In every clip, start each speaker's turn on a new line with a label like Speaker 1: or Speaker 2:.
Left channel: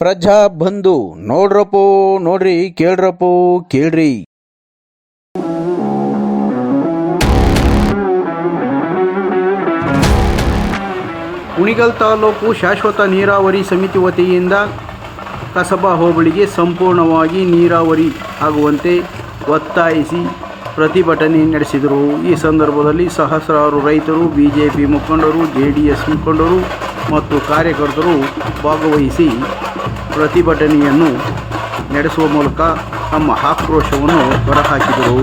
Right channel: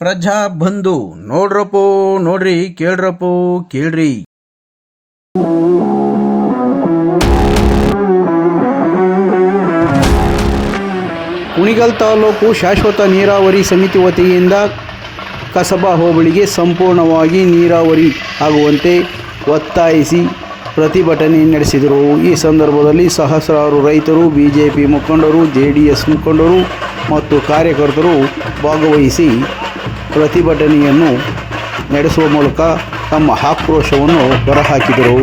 Speaker 1: ಪ್ರಜಾ ಬಂಧು, ನೋಡ್ರಪ್ಪೋ, ನೋಡ್ರಿ, ಕೇಳ್ರಪ್ಪೋ, ಕೇಳ್ರಿ. ಕುಣಿಗಲ್ ತಾಲೂಕು ಶಾಶ್ವತ ನೀರಾವರಿ ಸಮಿತಿ ವತಿಯಿಂದ ಕಸಬಾ ಹೋಬಳಿಗೆ ಸಂಪೂರ್ಣವಾಗಿ ನೀರಾವರಿ ಆಗುವಂತೆ ಒತ್ತಾಯಿಸಿ ಪ್ರತಿಭಟನೆ ನಡೆಸಿದರು. ಈ ಸಂದರ್ಭದಲ್ಲಿ ಸಹಸ್ರಾರು ರೈತರು, ಬಿಜೆಪಿ ಮುಖಂಡರು ಜೆ ಡಿ ಎಸ್ ಮುಖಂಡರು ಮತ್ತು ಕಾರ್ಯಕರ್ತರು ಭಾಗವಹಿಸಿ ಪ್ರತಿಭಟನೆಯನ್ನು ನಡೆಸುವ ಮೂಲಕ ತಮ್ಮ ಆಕ್ರೋಶವನ್ನು ಹೊರಹಾಕಿದರು.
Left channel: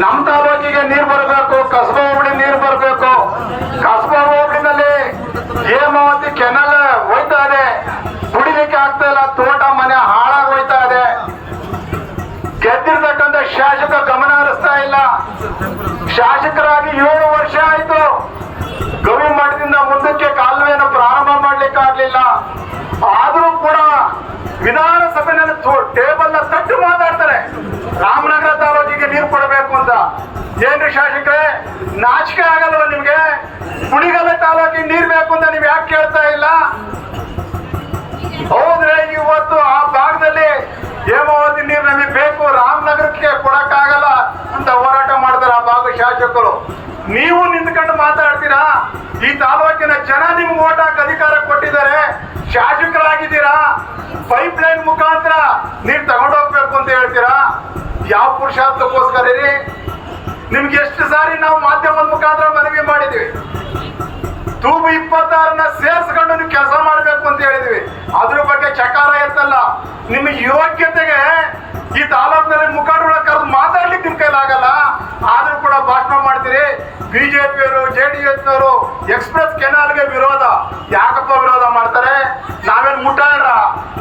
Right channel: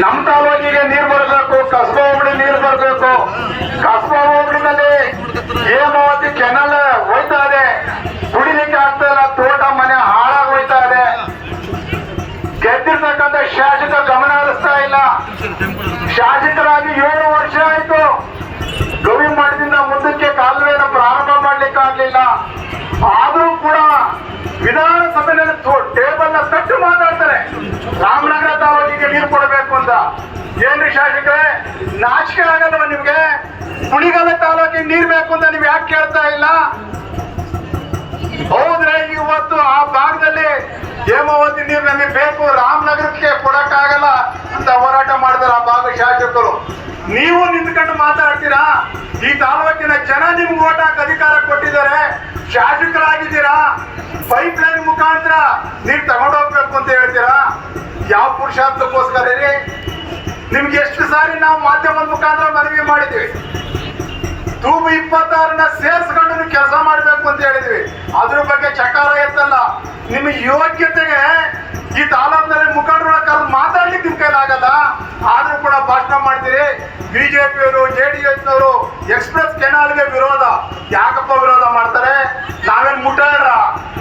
Speaker 2: ನಮ್ಮ ತಾಲೂಕಿಗೆ ನೀರು ಬರಬೇಕು ಕಸ್ಬಾ ಹೋಬಳಿ ನೀರು ಬರಬೇಕು ಕಸ್ಬಾ ಹೋಬಳಿನಲ್ಲಿ ಹೇಮಾವತಿ ಕೆನಲ್ ಹೋಯ್ತಾ ಇದೆ ಕುಡಿಲಿಕ್ಕೆ ಆಗ್ತಾ ಇಲ್ಲ ತೋಟ ಮನೆ ಹಾಳಾಗಿ ಹೋಯ್ತಾ ಇದೆ ಗೆದ್ದಿರ್ತಕ್ಕಂಥ ಶಾಸಕ ಗಮನ ಹರಿಸ್ತಾ ಇಲ್ಲ ಶಾಸಕರಾಗಿ ಏಳು ವರ್ಷ ಆಯ್ತು ಗವಿ ಮಠದಿಂದ ಮುಂದಕ್ಕೆ ಕಾಲುವೆಯನ್ನು ಪ್ರಾರಂಭ ಮಾಡ್ಲಿಕ್ಕೆ ಆಗ್ಲಿಲ್ಲ ಆದ್ರೂ ಕೂಡ ವಿಧಾನಸಭೆಯಲ್ಲಿ ಟೇಬಲ್ನ ಕಟ್ಟು ಮಾತಾಡ್ತಾರೆ. ರಾಮನಗರ ತಾಲೂಕಿಗೆ ನೀರು ಕೊಡಬೇಕು ಅಂತ. ಏನ್ರಿ ಶಾಸಕರೇ? ನಾಚಿಕೆ ಆಗಲ್ವ ನಿಮ್ಗೆ? ಕುಣಿಗಲ್ಲ ತಾಲೂಕಿಗೆ ನೀರ್ ಬೇಕು ಅಂತ ನೀವ್ ಯಾಕೆ ಕೇಳ್ತಾ ಇಲ್ಲ? ಹೌದ್ರೆ ಇವತ್ತು ಆ ಭಾಗದಲ್ಲಿ ಹೇಮಾವತಿ ನೀರು ನಮಗೆ ಬೇಕು. ರಾಮನಗರಕ್ಕೆ ಕೊಡಕ್ಕಾಗಲ್ಲ ಅಂತ ಹೋರಾಟ ಮಾಡ್ತಾರೆ ಆ ಭಾಗ ಶಾಸಕರು. ನೀವು ನಿಂತ್ಕೊಂಡು ಮಾತಾಡ್ತೀರಾ? ಈ ತಾಲೂಕಿನ ಜನ ನಿಮ್ಗೆ ಓಟ್ ಹಾಕಿ ಅಧಿಕಾರ ಕೊಟ್ಟಿದ್ದಾರೆ. ಶಾಸಕರಾಗಿದ್ದೀರಾ? ಪೈಪ್ ಲೈನ್ ಮುಖಾಂತರ ನೀರು ತಗೊಂಡೋಗ್ಬೇಕು ಅಂತ ಹೇಳ್ತೀರಾ? ಯಾವ ಪುರುಷಾರ್ಥಕ್ಕೋಸ್ಕರ ರೀ? ನಿಮ್ಗೆ ಎಷ್ಟು ಸಾರಿ ನಾವು ಮಾಧ್ಯಮದ ಮುಖಾಂತರ ಮನವಿ ಮಾಡಿದ್ವಿ? ತೂಬು ಇಪ್ಪತ್ತಾರನ್ನ ಸೇರಿಸ್ಕೊಂಡು ಕೆಲಸ ಮಾಡಬೇಕು ಅಂತ ಹೇಳಿದ್ವಿ. ಅದ್ರ ಬಗ್ಗೆ ಚಕಾರ ಎತ್ತಲ್ಲ ನಿಮ್ಗೆ ಯೋಗ್ಯತೆಗೆ ಈ ತಾಲೂಕಿನಲ್ಲಿ ಮುಖಂಡರನ್ನ ಕರೆದು ಮಾತಾಡ್ಲಿಕ್ಕೆ ನಿಮ್ ಕೈಲಾಗಲ್ಲ ಆದ್ರೂ ಕೂಡ ಭಾಷಣ ಮಾಡ್ತೀರಿ ಬಿಜೆಪಿಯವರು ಜೆ ಡಿ ಎಸ್ನವರು ಎಕ್ಸ್ಪ್ರೆಸ್ ಕೆನಾಲ್ಗೆ ವಿರೋಧ. ಯಾಕಪ್ಪ ವಿರೋಧ ಮಾಡ್ತಾರೆ? ನಾವೇನ್ ಮುಟ್ಟಾರ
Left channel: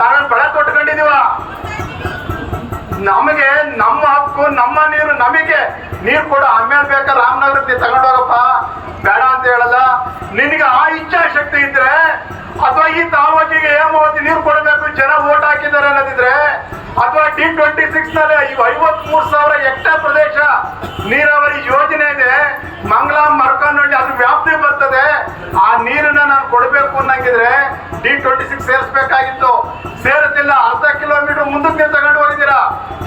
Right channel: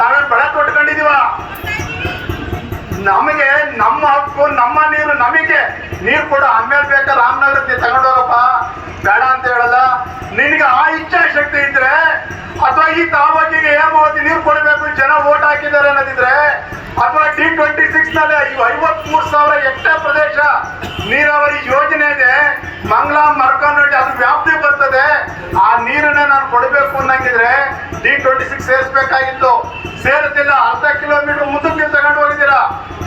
Speaker 2: ನಾವೇನ್ ಬಳೆ ತೊಟ್ಕೊಂಡಿದೀವ ನಮಗೆ ನಮ್ಮ ಹಕ್ಕು, ನಮ್ಮ ನೀರು, ನಮಗೆ. ನೀರು ಕೊಡು, ಆಮೇಲೆ ಬೇಕಾ ರಾಮನಗರ ತಗೊಂಡೋಗಪ್ಪ? ಬೇಡ ಅಂತ ಹೇಳಲ್ಲ. ನಿನಗೆ ಆ ಇಚ್ಛಾ ಶಕ್ತಿ ಇದ್ರೆ, ಅಥವಾ ಈ ತಾಲೂಕಿಗೆ ಓದಿ ನೀರು ಕೊಡಬೇಕು, ಜನ ಓಟ್ ಹಾಕಿದ್ದಾರೆ ಅನ್ನೋದಿದ್ರೆ ಅಥವಾ ಟಿ ಟ್ವೆಂಟಿ ಸಿಕ್ಸ್ನಲ್ಲಿ ಐವತ್ ಮೂರ್ ಸಾವಿರ ಹೆಕ್ಟೇರ್ ಪ್ರದೇಶ ನೀರಾವರಿ ಯೋಜನೆ ಇದೆ. ಮಂಗಳ ಮರ್ಕಾನಹಳ್ಳಿ ಅದ್ರ ವ್ಯಾಪ್ತಿ ಬರ್ತದೆ. ಆ ನೀರನ್ನ ನಾನು ಕೊಡಬೇಕು ಅನ್ನಂಗಿದ್ರೆ ಡಿ ಟ್ವೆಂಟಿ ಸಿಕ್ಸ್ ಸೇರಿಸ್ಬೇಕಾಗಿತ್ತು. ಸೇರುತ್ತಿಲ್ಲ ಅರ್ಧ ಕಿಲೋಮೀಟರ್ ಮುಂದಕ್ಕೆ ತಗೊಂಡು ಹೋಗಿದ್ದೀರಾ?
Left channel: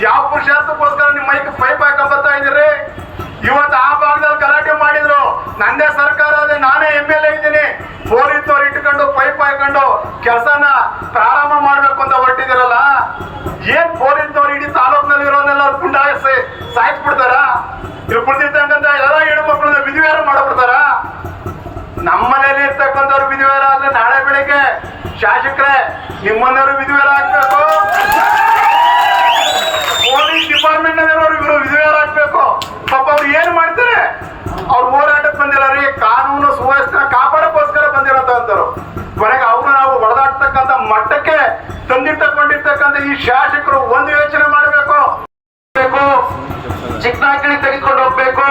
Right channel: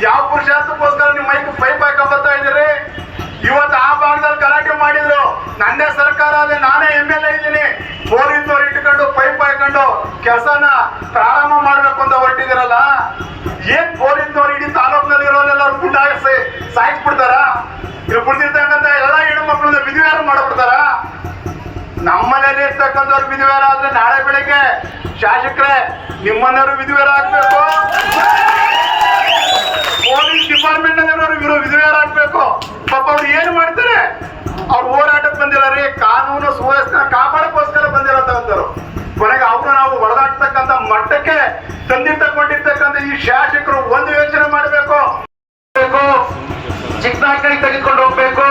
Speaker 2: ಯಾವ ಪುರುಷಾರ್ಥಕ್ಕೋಸ್ಕರ ನಿಮ್ಮ ಮೈಕ್ ಪೈಪ್ ಹಾಕೊಂಡ್ ಬರ್ತಾ ಇವತ್ತು ಆ ಭಾಗದಲ್ಲಿ ಗಲಾಟೆ ಮಾಡಿದ್ರು. ನಂದೇ ಸರ್ಕಾರ ಅದೇ, ನಾನೇ ಎಂ ಎಲ್ ಎ ಇದ್ದೀನಿ. ಬೋರಿದ್ದವ್ರು ಇಟ್ಕೊಂಡು ಪೈಪ್ ಹಾಕೊಂಡು ಕೆಲಸನ ಪ್ರಾರಂಭ ಮಾಡ್ಬೇಕು ಅಂತ ಹೊರಟಿದಿರಲ್ಲ ಏನ್ ಬೋರಿದ್ದವ್ರು ಇಡೀ ತಾಲೂಕಿನಲ್ಲಿ ಇರೋರೆಲ್ಲ ಗುಂಡಾಯಿಸಿ ಸಾಯಿಸ್ಬಿಡ್ತಾರ? ಇವ್ರು ಬಿಡ್ತಿರ್ತಕ್ಕಂಥ ಎಲ್ಲ ಹೆಣ್ಣು ಮಕ್ಕಳನ್ನ ವಿಧಿವೇರ ಮಾಡ್ಬಿಡ್ತಾರ ನಮ್ಮನೇಲಿ ಇರ್ತಕ್ಕಂಥವ್ರು ವಿಧಿವೇರ ಆದ್ರೆ ನಾಳೆ ಬೆಳಿಗ್ಗೆ ಶಾಸಕರೇ, ನಿಮ್ಮನೆಯವರು ವಿಧಿವೇರ ಆಗ್ಬೇಕು ಪೊಲೀಸ್ ಡಿಪಾರ್ಟ್ಮೆಂಟ್ ವಿಧೇಯರ ಆಗ್ಬೇಕು ಪಾಪ ಅವ್ರು ಏನು ಮಾಡ್ತಾರೆ? ಅವ್ರು ಹೋರಾಟಕ್ಕೆ ಬಂದಿಲ್ಲ ರೀ, ಕಾನೂನು ಸುವ್ಯವಸ್ಥೆ ಕಾಪಾಡಕ್ಕೋಸ್ಕರ ಬಂದಿರೋಂಥವ್ರು ಕೊನೆಗೆ ಅವ್ರು ನಾವು ಹೊಡೆದಾಡ್ತಕ್ಕಂಥ ಮಟ್ಟಕ್ಕೆ ತಂದಿರ್ತಕ್ಕೊಂಡಿರ್ತಕ್ಕಂಥ ಈ ಶಾಸಕರು ಒಂದು ಯೋಚನೆ ಮಾಡಬೇಕು. ಹೋಗ್ಬೇಕು ತೆಗೆದುಕೊಂಡು ಹೋಗ್ಬೇಕು.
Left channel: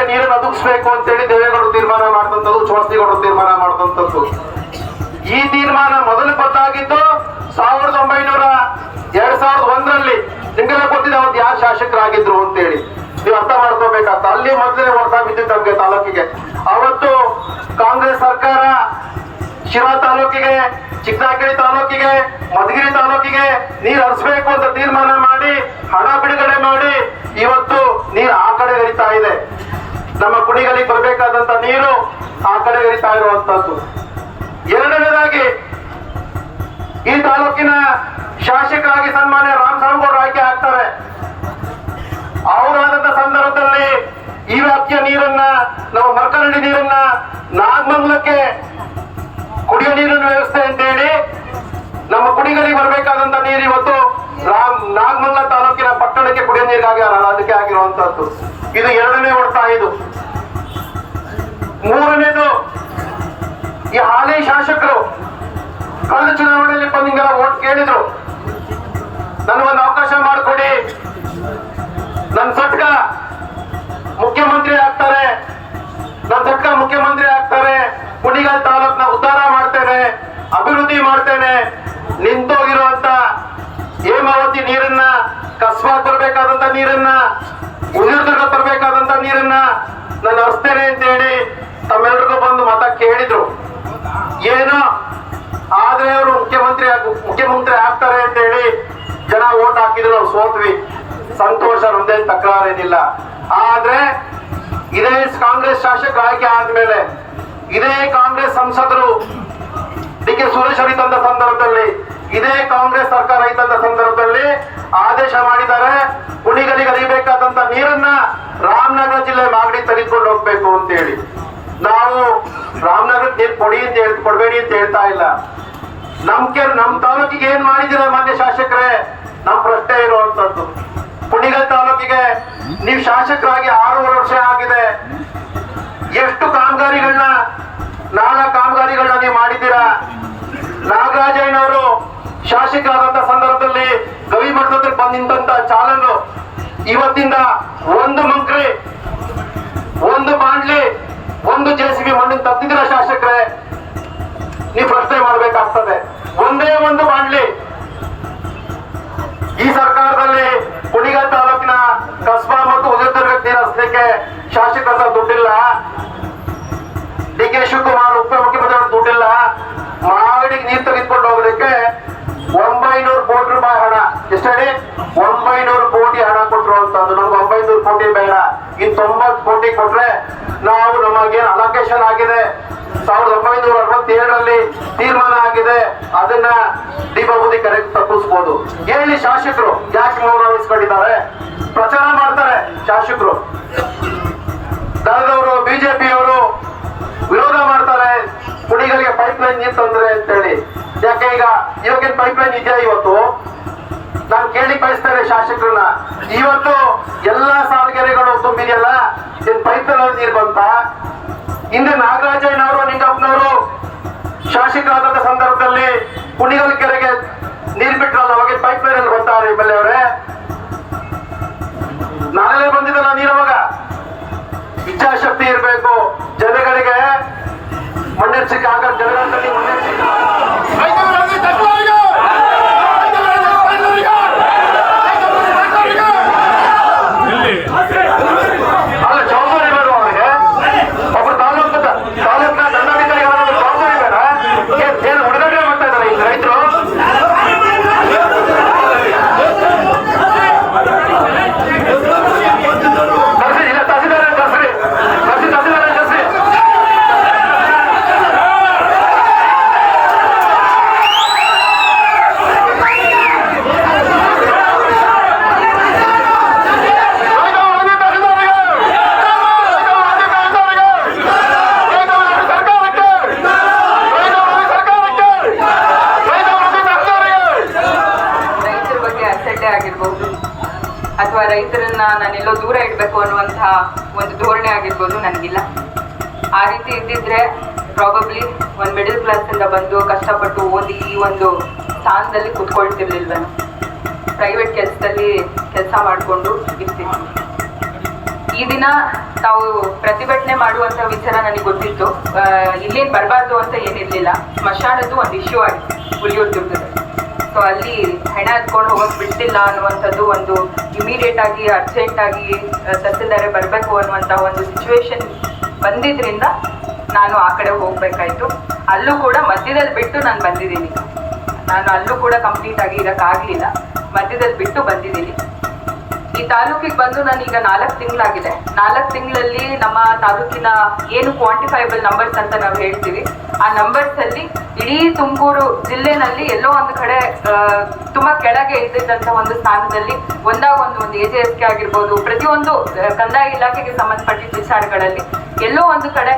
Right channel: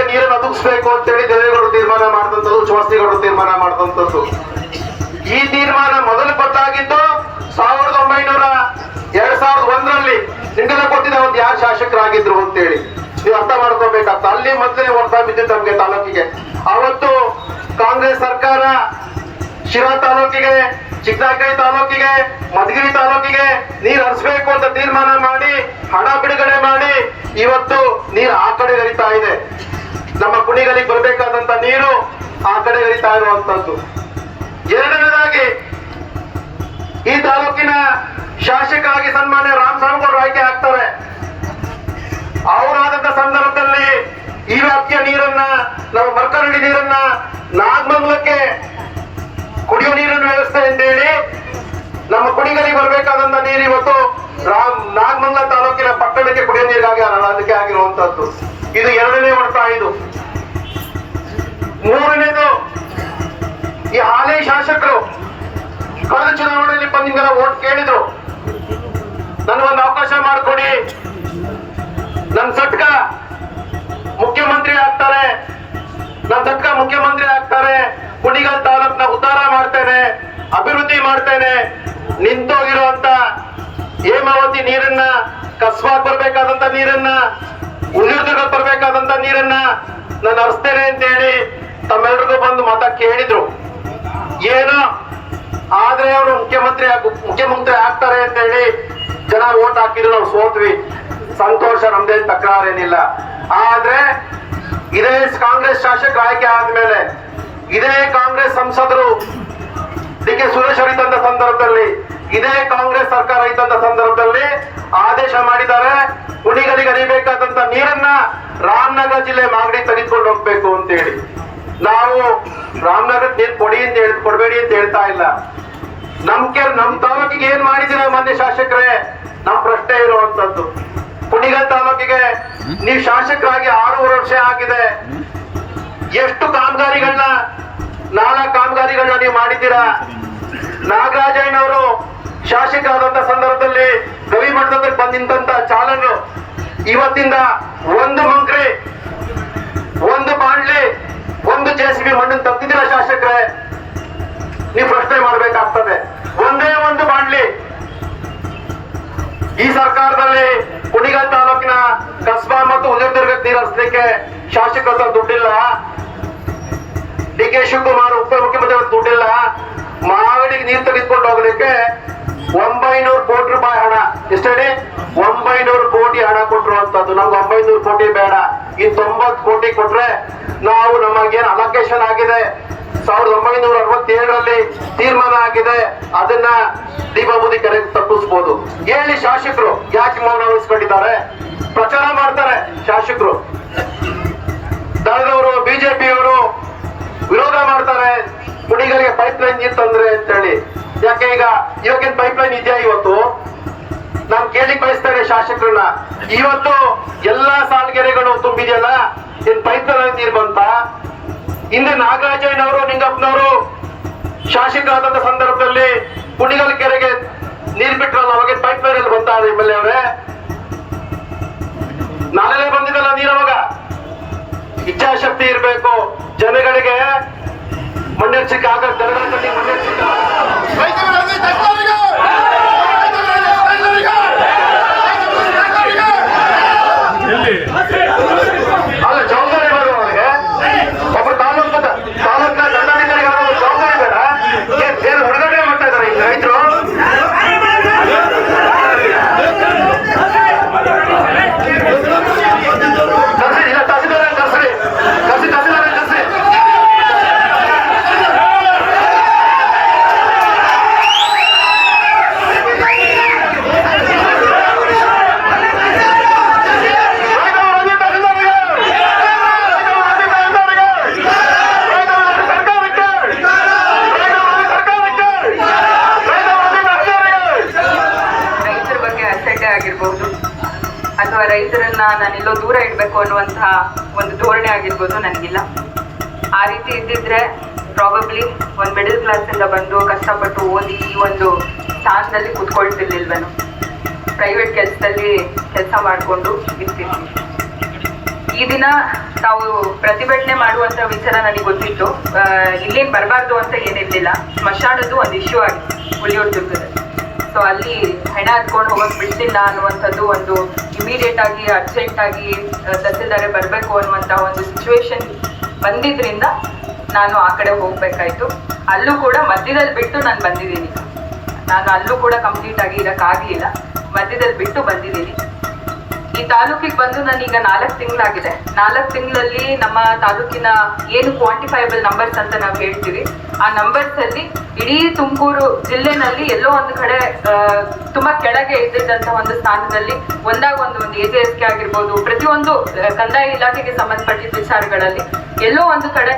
Speaker 3: ತಾಲೂಕಿಗಳಿಗೆ ನೀರನ್ನು ಒದಗಿಸ್ಬೇಕು ಅಂತೇಳಿ ದೇವೇಗೌಡರು ತೀರ್ಮಾನ ಮಾಡಿದಂಥದ್ದು ಚೌಸ್ತಿಗೌಡರು ತೀರ್ಮಾನ ಮಾಡಿದಂಥದ್ದು ಈ ತೀರ್ಮಾನ ಮೊದಲು ಗೊತ್ತಾಗಿದ್ದು ಸಾವಿರದ ಒಂಬೈನೂರ ಎರಡ್ ಸಾವಿರದ ಒಂದರಲ್ಲಿ ನಿಮ್ಗೆಲ್ಲ ಗೊತ್ತಿದೆ ಅವ್ರು ಯಾರು ಶಾಸಕರಾಗಿದ್ರು ಅಂತೇಳಿ ನೀವು ಅರ್ಥ ಮಾಡ್ಕೋಬೇಕಾಗ್ತ, ಅಲ್ಲಿ ಮೊದಲೇ ಹೊರತ ಬಿದ್ದಿತ್ತು ನಮ್ಗೆ ತಾಲೂಕಿಗೆ. ಅವತ್ತು ಕಾಂಗ್ರೆಸ್ ಸರ್ಕಾರ ಶಿರಾ ತಾಲೂಕಿಗೆ ಚಿಕ್ಕನಾಕೈ ತಾಲೂಕಿಗೆ, ಮಧುಗಿರಿ ತಾಲೂಕಿಗೆ ನೀರು ಹರಿಸಬೇಕು ಅಂತ ತೀರ್ಮಾನ ಮಾಡಿ, ಹಣ ಬಿಡುಗಡೆ ಮಾಡಿ ಇವತ್ತು ನೀರು ಆ ಕಡೆ ಹರಿತಾ ಇದೆ. ನಮ್ಮ ಕುಣಿಗಳಿಗೆ ಬರಬೇಕಾದಂತ ನೀರು ಆ ಕಡೆ ಹರಿತಾ ಇರುವಂತದ್ದು. ಎರಡನೇದಾಗಿ, ಈ ತಾಲೂಕಿನ ಶಾಸಕರಾಗಿ ಸನ್ಮಾನ್ಯ ರಾಮ್ ಸಾಂಗೌಡ್ ಆಯ್ಕೆ ಆಗ್ತಾರೆ. ಅವರಾದಂತ ಸಂದರ್ಭದಲ್ಲಿ ಈ ವ್ಯಾಪ್ತಿಯ ನೀರನ್ನ, ನಾವು ಮರ್ಕರಳ್ಳಿ ನೀರನ್ನ ನಾಗಮಂಗಲಕ್ಕೆ ಕುಡಿಯೋ ನೀರಿನ ವ್ಯವಸ್ಥೆ ಅಂತೇಳಿ ನಮ್ಮ ಕುಡಿಗಳಿಗೆ ಬರಬೇಕಾದಂತ ನೀರು ಇವತ್ತು ರಾಮ್, ನಾಗಮಂಗಲ ತಾಲೂಕಿನ ಪಟ್ಟಣಕ್ಕೆ ಕುಡಿಯೋ ನೀರಿಗಾಗಿ ಅದಕ್ಕೆ ಆಗಿರುವಂತಹದ್ದು ಇದು ಎರಡನೇ ಹೊಡ್ತಾ ಇದು ಮೂರನೇದು ಈ ಹಾಲಿ ಶಾಸಕರು ಕಳೆದ ಚುನಾವಣೆಯಲ್ಲಿ ಬಂದಿಂಗೆಲ್ಲ ಓಟ್ ಕೇಳಿದ್ರು. ನನಗೊಂದು ಅವಕಾಶ ಮಾಡಿಕೊಡಿ. ನನ್ನ ಸಟ್ಕ ಮುಖ್ಯಮಂತ್ರಿ ಆಗ್ತಾರೆ. ನನ್ನ ಸಟ್ಕ ಮುಖ್ಯಮಂತ್ರಿ ಆಗ್ತಾರೆ. ಕುಣಿಗಲ್ ತಾಲೂಕ್ನ ಉದ್ಧಾರ ಮಾಡ್ತೇನೆ, ಅಭಿವೃದ್ಧಿ ಮಾಡ್ತೇನೆ. ನಿಂತೋಗಿರುವಂತ ಹೇಮಾವತಿ ನೀರನ್ನ, ಕಸ್ಬಾಗ್ ಬರ್ಬೇಕಾದಂತ ನೀರನ್ನ ಉಳಿದುರ್ಗ ಬರಬೇಕಾದಂತ ನೀರನ್ನ ನಾನು ಹರಿಸ್ತೇನೆ ಅಂತ ಹೇಳಿ ತಮ್ಮೆಲ್ರಿಗೂ ಬಂದು ಮತ ಕೇಳಿದ್ರು. ಏನೋ? ಆದ್ರೆ ಅವರು ಮುಖ್ಯಮಂತ್ರಿ ಮುಖ್ಯಮಂತ್ರಿ ಆಗ್ತಾರೆ ಅಂತ ಹೇಳಿ ಜನ ಓಟ್ ಹಾಕಿದ್ರು, ನಾವು ಸೋತ್ವಿ. ಸಂತೋಷ, ನಮ್ದೇನ್ ತಕರಾರೇನಿಲ್ಲ. ಆದ್ರೆ ಇದೇ ಕಾಂಗ್ರೆಸ್ ಶಾಸಕ ಆಯ್ಕೆ ಆದ್ಮೇಲೆ ಇದೇ ಕಾಂಗ್ರೆಸ್ ಸಂಸದರು ಡಿ ಕೆ ಸುರೇಶ್ ಅವರು ಇದ್ದಂತ ಸಂದರ್ಭದಲ್ಲಿ, ಇದೇ ಕಾಂಗ್ರೆಸ್ ಸರ್ಕಾರ ಇದ್ದಂತ ಸಂದರ್ಭದಲ್ಲಿ ಆದೇಶ ಮಾಡಿದ್ದಾರೆ, ಕುಣಿಗಲಿಗೆ ಹರಿಬೇಕಾದಂತ ನೀರನ್ನ ರಾಮನಗರ ಜಿಲ್ಲೆ ಮಾಗಡಿ ತೆಗೆದುಕೊಂಡು ಹೋಗ್ಬೇಕು ಅಂತ ಹೇಳಿ ನಾವು ರಾಮನಗರ ನೀರು ಕೊಡಿ ಅಂತ ಹೇಳಿ, ಕೊಡಬೇಡಿ ಅಂತ ಹೇಳ್ತಾ ಇಲ್ಲ. ನಮ್ ಕೆ ನಮ್ ತಾಲೂಕಿಗೆ ಏನ್ ಮಾಡಿದಿರ ಮಾನ್ಯ ಶಾಸಕರೇ? ನಮ್ ಪ್ರಶ್ನೆ ಇರುವಂತದ್ದು. ಕುಣಿಗಲ್ ತಾಲೂಕಿಗೆ ನೀವು ಶಾಸಕರಾಗಿ ಆರೂವರೆ ವರ್ಷ ಆಗಿದೆ. ಎಷ್ಟು ಕಾಮಗಾರಿಗಳನ್ನ, ನಾನಾ ಕಾಮಗಾರಿಗಳನ್ನ ನೀವು ಮಾಡಿದ್ದೀರಾ? ನಾಗರಾಜಯ್ಯನವರು ಶಾಸಕರಾದಂತ ಸಂದರ್ಭದಲ್ಲಿ ಗವಿ ಮಠದಲ್ಲಿ ಬಂದ ನಿಂತ ಚಾಲನ್ನು ಇವತ್ತಿಂದ ಒಂದು ಮಂಕ್ರಿ, ಒಂದು ಬಾಂಡ್ಲಿ ಒಂದು ಜೆ ಸಿ ಬಿ ಮಣ್ಣಿನ ತಪ್ಪಿದಿರ ಶಾಸಕರೇ, ನೀವು ಪ್ರಶ್ನೆ ಮಾಡಬೇಕಾಗ್ತದೆ. ಒಂದೇ ಒಂದು ಬಾಂಡ್ಲಿ ಈ ಸರ್ಕಾರದಲ್ಲಿ ಕುಣಿಗಲ್ ತಾಲೂಕಿನ ಕಸ್ಬಾ ಮತ್ತು ಉದಯದುರ್ಗ ನೀರು ಹರಿಸಲಿಕ್ಕೆ ಶಾಸಕರ ದುಡ್ಡಿಲ್ಲ. ಡಿ ಕೆ ಶಿವಕುಮಾರ್ ಉಪಮುಖ್ಯಮಂತ್ರಿ ದುಡ್ಡಿಲ್ಲ. ಮಾಗಡಿಗೆ ನೀರು ತೆಗೆದುಕೊಂಡು ಹೋಗಲಿಕ್ಕೆ ಒಂಬೈನೂರು ಕೋಟಿ ರೂಪಾಯಿ ಹಣ. ಎಷ್ಟೇ ಒಂಬೈನೂರು ಕೋಟಿ ಹಣ ಕೊಟ್ಟಿರುವಂತದ್ದು ನಮ್ಗೆ ಒಂಬೈನೂರು ಕೋಟಿ ಬೇಡ. ಈ ತೊಂಬತ್ತು ಕೋಟಿ ಕೊಟ್ರೆ ನಾವು ನಮಗೇನು ಅಲೋಕೇಶನ್ ಆಗಿದೆ? ಸಾವಿರದ ಒಂಬೈನೂರ ಅರವತ್ತೇಳರಲ್ಲಿ ತೀರ್ಮಾನ ಆಗಿದೆ. ಅದನ್ನ ದೀಪಾವಳಿ ಕರೆ ತಪ್ಪಿಸ್ಬೋದು. ಹೇಳಿ ಶಾಸಕರು, ಯಾಕೆ ಮೌನ ವಹಿಸ್ಕೊಂಡಿದ್ದಾರೆ? ಪ್ರಚಾರ ಮಾಡ್ತಾರೆ ಶಾಸಕರು. ದಳದವರು, ಬಿಜೆಪಿಯವರು ವಿರೋಧ ಮಾಡ್ತಾರೆ. ಕುಡಿಗಳಿಗೆ ಪೈಪ್ ಲೈನ್ ನೀರು ಅಂತ ಹೇಳಿ ಯಾಕೆ ಈಗ ಇವಾಗಿನ ಪೈಪ್ ಲೈನ್ ಇದೆಯಾ ಇವತ್ತು? ನಾನು ಕೇಳಿ ಕಳಿಸ್ತಾರೆ ಶಾಸಕರನ್ನ. ಇವತ್ತು ಎಲ್ಲಾ ಸಾಲ್ಗೆರೆಗಳು ತುಂಬಿದೆಯಲ್ಲ ಏನ್ ಪೈಪ್ ಅಂತ ಬಂತ ಹಿಂದೆ ನಾಗರಾಜಯ್ಯನವರು, ನಿಂಗಪ್ಪನವರು ಶಾಸಕರಾದ ಸಂದರ್ಭದಲ್ಲಿ ಕುಣಿಗಲ್ ಕೆರೆಗೆ ನೀರ್ ಬಿಟ್ರಲ್ಲ ಅವಾಗ ಪೈಪ್ ಲೈನ್ ಅಲ್ಲಿ ಬರ್ತಾರೆ ಎಂ ಎಲ್ ಅವರೇ. ನಾಳೆ ಬಂದಿದ್ದಲ್ಲ ನೀರು ಅವಾಗ? ಇಚ್ಛಾಶಕ್ತಿ ಇರಬೇಕು. ಜನಗಳಿಗೆ ಮುನ್ನೆಚ್ಚರಿಕೆ ಆಗ ಜನರಲ್ಲಿ ಮುನ್ನೆಚ್ಚರಿಕೆ
Speaker 4: ರೈತರಿಗೆ ತಕ್ಕವರಿಗೆ! ರೈತರಿಗೆ ತಕ್ಕವರಿಗೆ! ರೈತರಿಗೆ ತಕ್ಕವರಿಗೆ!
Speaker 3: ಅಲ್ಲ ಜವಾಬ್ದಾರಿ ಬೇಡ ಅವರಿಗೆ ಒಬ್ರು ತಾಲೂಕು ತಾಲೂಕಿನ ದಂಡಾಧಿಕಾರಿ ಯಾರಾದ್ರೂ ಜವಾಬ್ದಾರಿ ಬೇಡ ಏನ್- ಏನು ಬಿಡುಗಡೆ ಮಾಡ್ತಾ ಇದಾರೆ ಈಗ ರೈತರು ಕರ್ಸಿ ಇಲ್ಲ ತಹಸೀಲ್ದಾರ್ ಕರ್ಸ್ರಿ ಕರ್ಸಿ ತಹಸೀಲ್ದಾರ್ ಕರ್ಸಿ
Speaker 5: ರೈತರ ಬಗ್ಗೆ ಅಸಡ್ಡೆ ಆಗಿರ್ಬೋದು ಅಥವಾ ರೈತರನ್ನ ನಾನೆಲ್ಲೋ ದೂರ ಇಡಬೇಕು ಅನ್ನುವಂತಹ ಒಂದು ಧೋರಣೆ ಆಗಿರ್ಬೋದು ನನಗಿಲ್ಲ. ಆ ರೀತಿ ಇದ್ದಿದ್ರೆ ಪ್ರಾಬಬ್ಲಿ ಒಂದು ಮಿಡಲ್ ಕ್ಲಾಸಿಂದ ಬಂದು ಕಷ್ಟಪಟ್ಟು ಓದಿ ಈ ಒಂದು ಸ್ಥಾನದಲ್ಲಿ ಕುತ್ಕೊಳ್ತಿರ್ಲಿಲ್ವೇನು. ಪ್ರೈವೇಟ್ ಕೆಲಸದಲ್ಲಿ ಕೆಲಸ ಮಾಡಿಕೊಂಡು ಇರ್ತೀನಿ ಈ ದಿನ ತಾವು ಪ್ರತಿಭಟನೆ ಮಾಡುವಂತ ವಿಚಾರ ನನಗೆ ಗೊತ್ತಿತ್ತು. ಇಲ್ಲೇನು ಬರಬಾರ್ದು ಅಂತ ಏನಿರ್ಲಿಲ್ಲ. ಸ್ಮಶಾನದ್ದು ಒಂದು ಇಶ್ಯೂ ಆಗಿ ದುರ್ಗದಲ್ಲಿ ಸೊ ಅಲ್ಲಿ ಹೆಣ ಹತ್ಕೊಂಡು ಹೋಗೋದು ಬಿಡ್ತಿಲ್ಲ ಅನ್ನುವಂಥದ್ದು ಒಂದು ಇಮಿಡಿಯೇಟ್ ಆಗಿ ಅರ್ಜೆಂಟ್ ಆಗಿ ತಹಸೀಲ್ದಾರೆ ಬರಬೇಕು ಅನ್ನುವಂಥ ಒಂದು ಸಿಚುವೇಶನ್ ಬಂದಿದ್ರಿಂದ ನಾನು ಆ ಕಡೆ ಹೋಗ್ಬೇಕಾಯ್ತು. ಅಲ್ಲೂ ಕೂಡ ಮಧ್ಯದಲ್ಲಿ ಬಿಟ್ಟು ನಾನು ಬಂದಿದ್ದೀನಿ. ನಾನು ಅಲ್ಲೂ ಕೂಡ ಕಂಪ್ಲೀಟ್ ಆಗಿ ಇರೋಕ್ಕಾಗಲಿಲ್ಲ. ಮಧ್ಯದಲ್ಲಿ ಬಿಟ್ಟು ಬಂದಿದ್ದೀನಿ. ಈ ತಾಲೂಕಿಗೆ ಬಂದು ನಾನೀಗ ನಾಲ್ಕು ತಿಂಗಳಾಗಿದೆ. ನಾಲ್ಕು ತಿಂಗಳಲ್ಲಿ ನಮ್ಮ ತಾಲೂಕಿನ ಏನು ಕ್ವಾಂಟಿಫೈಬಲ್ ನಂಬರ್ಸ್ ಅಂತ ನಾವು ಹೇಳ್ತೀವಿ. ಆ ನಂಬರ್ಸ್ ಅಲ್ಲಿ ಇಡೀ ತುಮಕೂರು ಜಿಲ್ಲೆನಲ್ಲಿ ಎಲ್ಲೋ ಒಂದು ಕಡೆ ತುಂಬಾ ಕೆಳಗೆ ಇದ್ದಂತ ಒಂದು ಸ್ಥಾನದಲ್ಲಿ ಒಂದಾಗ ಒಂದು ಒಂದು ಎ ಜೆ ಎಸ್ ಕೆ ಆಗಿರ್ಬೋದು, ಪ್ರತಿಯೊಂದು ಕಂದಾಯ ಇಲಾಖೆಗೆ ಸಂಬಂಧಪಟ್ಟಿದ್ದ ವಿಚಾರಗಳಲ್ಲಿ ಎಲ್ಲೋ ಒಂದು ಕಡೆ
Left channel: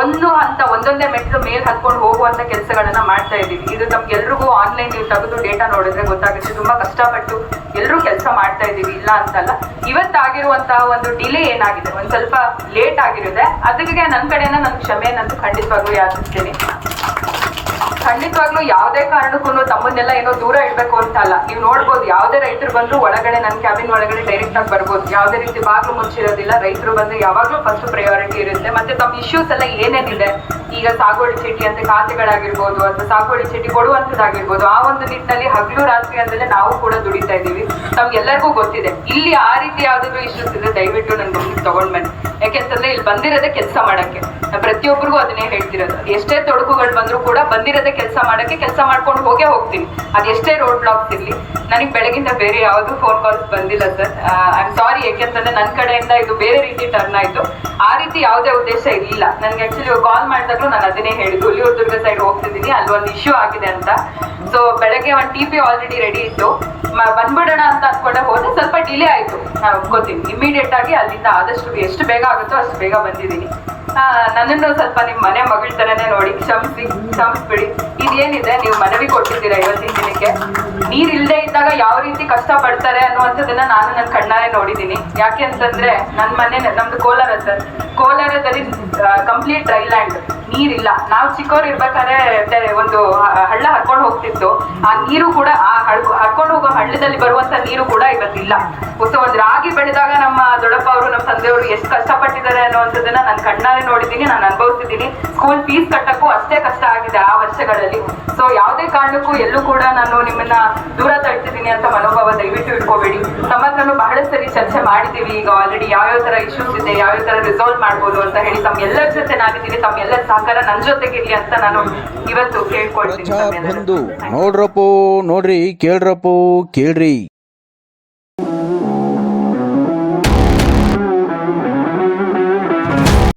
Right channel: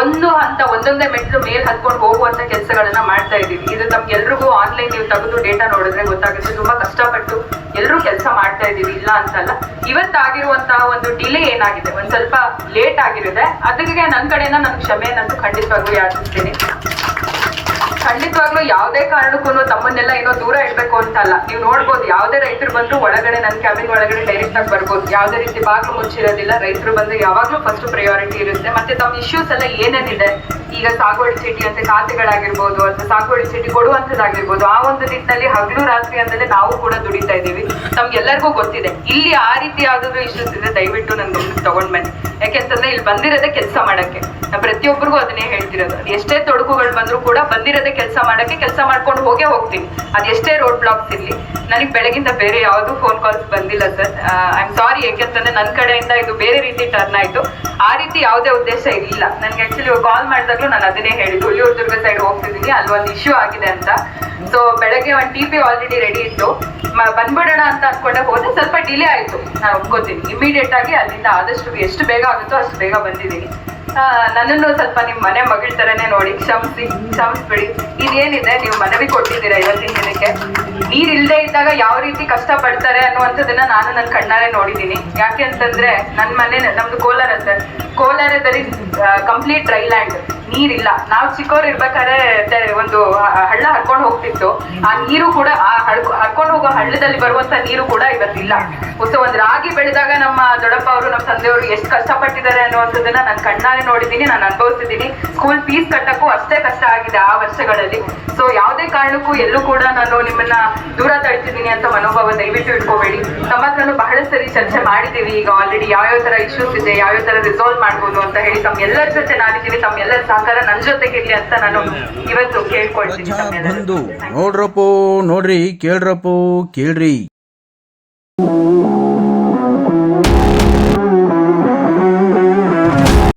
Speaker 5: ಒಂದು ಹಂತ, ಒಂದೊಂದೇ ಮೆಟ್ಲು ಮೇಲ್ ಹತ್ಕೊಂಡು ಹೋಗುವಂತ ಕೆಲಸಗಳನ್ನ ಮಾಡ್ತಾ ಇದ್ದೀವಿ. ಇದು ತಮ್ಗೆಲ್ರಿಗೂ ಆನ್ಲೈನ್ ನೀವು ತೆಗೆದು ಡೇಟಾ ನೋಡಿದ್ರೆ ಗೊತ್ತಾಗುತ್ತೆ. ತುಂಬಾ ಕಷ್ಟಪಟ್ಟು ಎಲ್ಲರೂ ಕೆಲಸ ಮಾಡ್ತಾ ಇದ್ದೀವಿ. ಇಲ್ಲ ಅಂತಲ್ಲ. ಇವತ್ತಾಗಿರುವಂತಹ ಒಂದು ಡಿಲೇ ಏನಾಗಿದೆ? ಒಂದ್ ಸ್ವಲ್ಪ ಲೇಟ್ ಆಗಿರುತ್ತೆ. ಅದಕ್ಕೆ ನನ್ನ ಕಡೆನ ನನ್ ಕ್ಷಮೆಯನ್ನಂತೂ ಖಂಡಿತವಾಗ್ಲೂ ಯಾಚಿಸ್ತೀನಿ. ಖಂಡಿತವಾಗ್ಲೂ ಯಾವುದೇ ಕಾರಣಕ್ಕೂ ತಮ್ಮನ್ನೆಲ್ಲ ಏನೋ ದೂರ ಇಡ್ಬೇಕು ಅಂತ ಅಲ್ಲ ನೀವು ನೋಡ್ಬೋದು, ಯಾವುದೇ ರೈತರು ಬಂದ್ರು ಒಳಗಡೆ ನನ್ನ ಕ್ಯಾಬಿನ್ ಒಳಗಡೆ ಡೈರೆಕ್ಟ್ ಆಗಿ ಬರ್ಬೋದು. ಯಾವುದೇ ರೀತಿ ಬಾಗಿಲು ಮುಚ್ಚಿರೋದಿಲ್ಲ, ರೈತರು ಬಂದ್ರೆ ಯಾವಾಗ್ಲೂ ಫಸ್ಟ್ ಪ್ರಯಾರಿಟಿ ಇರುತ್ತೆ. ಮತ್ತೆ ತಮ್ಮ ಇಶ್ಯೂಸ್ ಎಲ್ಲ ಏನೇನಿದೆ? ಈಗ ಸಾಗುವಳಿ ಚೀಟಿ ಅಂತ ಖಾತೆಗಳಾಗಿರ್ಬೋದು ಅಥವಾ ಸಾಗುವಳಿ ಚೀಟಿ ಕೊಡುವಂಥದ್ದಾಗಿರ್ಬೋದು, ಆ ಒಂದು ನಿಟ್ಟಿನಲ್ಲಿ ಹಗಲು ರಾತ್ರಿ ಅಂತಲೇ ನಾವು ಕೂಡ ದುಡಿತಾ ಇದ್ದೀವಿ. ನಮ್ಗೆಲ್ಲರಿಗೂ ಗೊತ್ತಿದೆ. ಇಲ್ಲಿ ಆ ರೀತಿ ಯಾವ್ದಾದ್ರು ಇಶ್ಯೂಸ್ ಇದೆ ದಯವಿಟ್ಟು ನನ್ನ ಗಮನಕ್ಕೆ ತಗೊಂಡ್ ಬನ್ನಿ ಯಾಕೆಂತಂದ್ರೆ ಇಲ್ಲಿ ಬಂದಿರೋದೇ ಕೆಲಸ ಮಾಡಕ್ಕೆ. ಪ್ರತಿಯೊಬ್ಬರಿಗೂ ಅದನ್ನೇ ಹೇಳ್ತಿರೋದು. ಎಷ್ಟೇ ತೊಡಕುಗಳು ಬಂದರೂ ಕೂಡ ಬಂದಿರೋದೇ ಕೆಲಸ ಮಾಡಕ್ಕೆ, ಕೆಲಸ ಮಾಡ್ಕೊಂಡು ಹೋಗೇ ಹೋಗ್ತೀನಿ. ಅದು ಎಷ್ಟೇ ರೋಡ್ ಬ್ಲಾಕ್ಸ್ ಇರ್ಲಿ. ನನಗೆ ಬೆಳಗಿಂದ ಬೇರೆ ಯಾವುದು ಫೋನ್ ಕಾಲ್ಸ್ ಬಂದಿಲ್ಲ ಸರ್. ಐ ಆಮ್ ಸಾರಿ ಯಾಕೆಂತಂದ್ರೆ ನನ್ನ ಕಡೆಯಿಂದ ಇದು ಬೇರೆ ರೀತಿ ಟರ್ನ್ ಆಯ್ತು. ಆ ರೀತಿ ಯಾವುದೇ ಉದ್ದೇಶ ಇಲ್ಲ. ನನಗೆ ಆ್ಯಕ್ಚುಲಿ ಕಾಲ್ ಮಾಡಿದಾಗ್ಲೂ ನಾನು ಅದನ್ನೇ ಹೇಳಿದ್ದು. ಹುಲಿಯೂರು ದುರ್ಗ ಸೈಡ್ ಹೋಗ್ತಿದ್ದೀನಿ, ಅಲ್ಲಿ ಒಂದು ಇಶ್ಯೂ ಆಗಿದೆ ಅಂತ. ಸೊ ಬೆಳಗ್ಗೆ ಒಂದು ಟಿ ಪಿ ಆಲ್ರೆಡಿ ರೆಡಿ ಇತ್ತು. ಬಂದ್ಬಿಡೋಣ ಅಂತ ಅನ್ಕೊಂಡೆ ಹೋದ್ರೆ ಸ್ವಲ್ಪ ಡಿಲೇ ಆಯ್ತು. ನಾನು ಒಪ್ಕೋತೀನಿ ಇಮಿಡಿಯೇಟ್ ಆಗಿ ಅಲ್ಲಿಂದ ಆದಷ್ಟು ಎಷ್ಟು ಬೇಗ ಆಗುತ್ತೋ ಅಷ್ಟು ಬೇಗ ಬಂದಿದ್ದೀನಿ. ನನ್ನನ್ನು ಸ್ವಲ್ಪ ನಿಮ್ಮ ಮನೆ ಮಗಳ ತರನೇ ನೋಡಿ, ಕ್ಷಮಿಸಿ, ಕ್ಷಮಿಸ್ಬಿಡಿ. ಇದೇನಿದೆ? ನೀವು ಮನವಿ ಕೊಟ್ಟಿದ್ದೀರಾ ಇವತ್ತಿನ ದಿನಕ್ಕೆ? ನೀರ್ ಇಲ್ಲದೆ ಇದ್ದಾಗ ಯಾವ ರೀತಿ ಕಷ್ಟ ಪಡ್ತಾರೆ ಅನ್ನುವಂಥದ್ದನ್ನ ನಾನು ನನ್ನ ಕಣ್ಣಾರೆ ನೋಡಿದ್ದೀನಿ. ಯಾಕೆ ಅಂತಂದ್ರೆ ನನ್ನ ಮನೆ, ನಮ್ದು ಕೋಲಾರ ಸರ್ ಕೋಲಾರದಲ್ಲಿ ಕಂಪ್ಲೀಟ್ ಡ್ರೈ ಲ್ಯಾಂಡ್ ನೀರಿಲ್ಲ. ನಾವು ಚಿಕ್ಕವ್ರು ಇರ್ಬೇಕಾದ್ರೆ ಒಂದು ಹಳ್ಳ ಹರ್ಕೊಂಡು ಹೋಗ್ತಿತ್ತು. ಆ ನೀರು ಕೂಡ, ಆ ಹಡ್ಕೊ ಹರ್ಕೊಂಡು ಹೋಗೋ ಹಳ್ಳದಲ್ಲಿ ಬರುವಂತ ನೀರು ಕೂಡ ಇವತ್ತಿಲ್ಲ. ಒಂದ್ ರಾಗಿ ಬೆಳೆದಾಗ ನಮ್ಮ ದೊಡ್ಡಪ್ಪ ಅವರು, ನಮ್ಮ ತಂದೆಯವರು ಎಷ್ಟು ಕಷ್ಟಪಟ್ಟಿದ್ದಾರೆ ಅನ್ನುವಂಥದ್ದನ್ನ ನಾನು ಕಣ್ಣಾರೆ ನೋಡಿದ್ದೀನಿ ನಾನು ಅನುಭವಿಸಿದ್ದೀನಿ ಸ್ಕೂಲ್ ಫೀಸ್ ಕಟ್ಟಕ್ಕೂ ಅಷ್ಟೇ ಕಷ್ಟ ಆಗಿದೆ ಆ ವರ್ಷಗಳಲ್ಲಿ. ಸೊ ಯಾವುದೇ ಕಾರಣಕ್ಕೂ ಎಲ್ಲೂ ಕೂಡ ನಾನು ನಿಮ್ಮನ್ನ ದೂರ ತಳ್ತಿದ್ದೀನಿ ಅಂತ ಮನೋಭಾವ ದಯವಿಟ್ಟು ಇಟ್ಕೋಬೇಡಿ. ನಮ್ಮ ಹತ್ರನೂ ಬಹಳ ಸರಿ ಚರ್ಚೆ ಮಾಡಿದ್ದೀವಿ. ಈಗ ಆಲ್ರೆಡಿ ಯಾವ್ಯಾವ ತರ ಇಶ್ಯೂಸ್ ಇದೆ ಯಾವ್ಯಾವ ತರ ರಿಸಾಲ್ವ್ ಮಾಡ್ಬೋದು ಅಂತ ಹೇಳಿ ತಮ್ಮೆಲ್ಲರ ಜೊತೆ ನಾನಿದ್ದೀನಿ ತಮ್ಮೆಲ್ಲರ ಸಹಕಾರ ನನ್ನ ಜೊತೆಗಿರ್ಲಿ ಅಂತ ನಾನು ಇವತ್ತು ಕೇಳ್ಕೊಳ್ತೀನಿ
Speaker 1: ನೋಡ್ರಪ್ಪೋ ನೋಡ್ರಿ ಕೇಳ್ರಪ್ಪೋ ಕೇಳ್ರಿ.